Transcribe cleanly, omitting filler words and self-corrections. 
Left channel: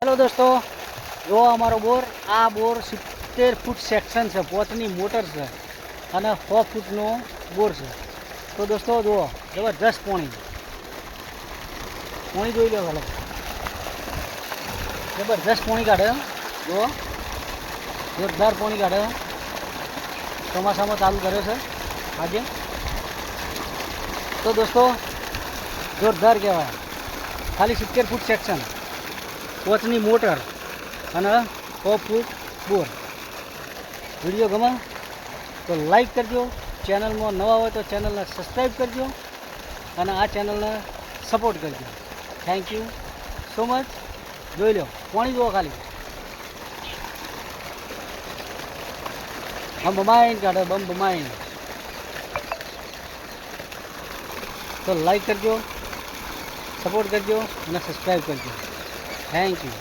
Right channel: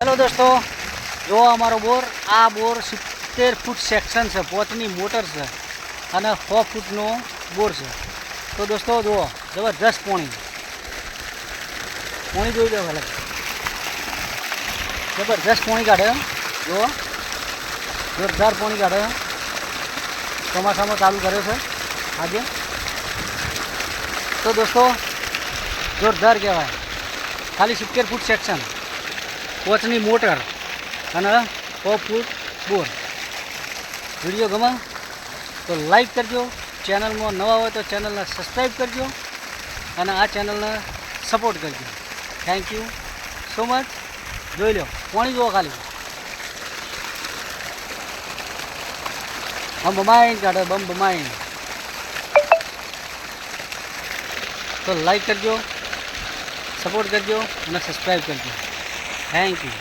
Hello दोस्तों, जो अमारो bore आ bore 70 फूट section से 5 मोटर से અને 100 फूटनो बोर છે। तो दोस्तों જુઓ જબરજસ્ત પાણી જોઈ લો ભલે, જબરજસ્ત પાણી કાઢે। જુઓ જોરદાર પાણી કાઢે, ચોમાસામાં ચાલુ કર્યો છે આજે। તો દોસ્તો જોરદાર કહેવાય। ખાલી 70 ફૂટ સેક્શન, 5ની મોટર અને 100 ફૂટ બોર। વિડીયો ગમે તો લાઈક કરજો, ચેનલમાં નવા હોય તો ચેનલને સબસ્ક્રાઈબ કરજો અને આ ચેનલને સપોર્ટ કરજો। Thank you so much. જોઈ લો પાણી જુઓ ખાલી, બમ બમાઈને કાઢે, બમ બમાઈને। તો લાઈક કરજો, સપોર્ટ કરજો અને સબસ્ક્રાઈબ કરજો। Thank you.